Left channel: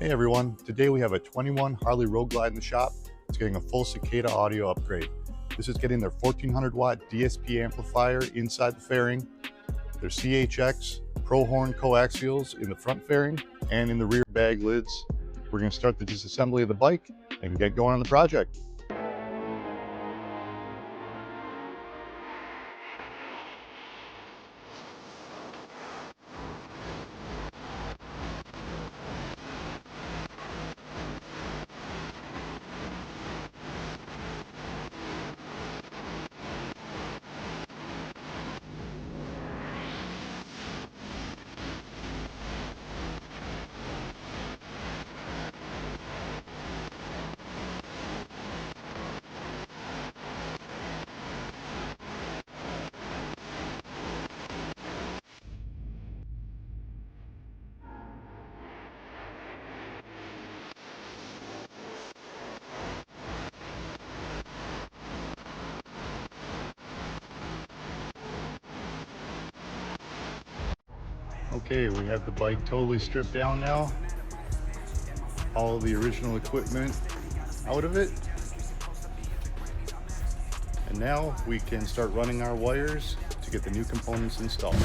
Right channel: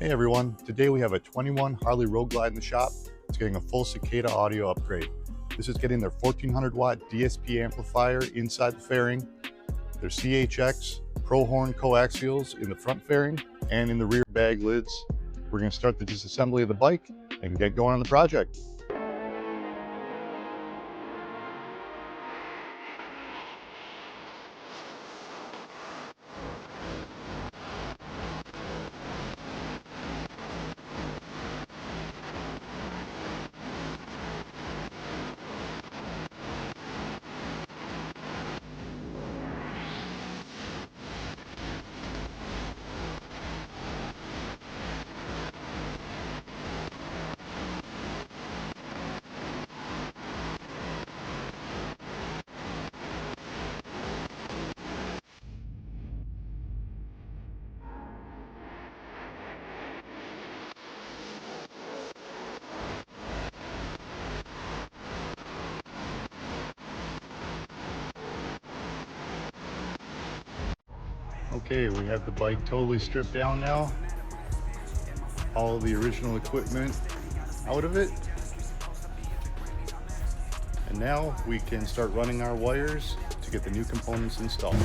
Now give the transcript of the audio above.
Hey everyone, today we have a 21 Harley Road Glide in the shop. It's getting a full Cicada audio upgrade. This is getting their 1400 watt DSP amplifier inside the fairing, their CHX Pro Horn coaxials in the front fairing and in the rear bag lids. We're going to start the disassembly of the bike and get going on the project. Okay, we have the bike totally stripped down now. All the original equipment out of it. And now we can start running our wires to get the new components installed.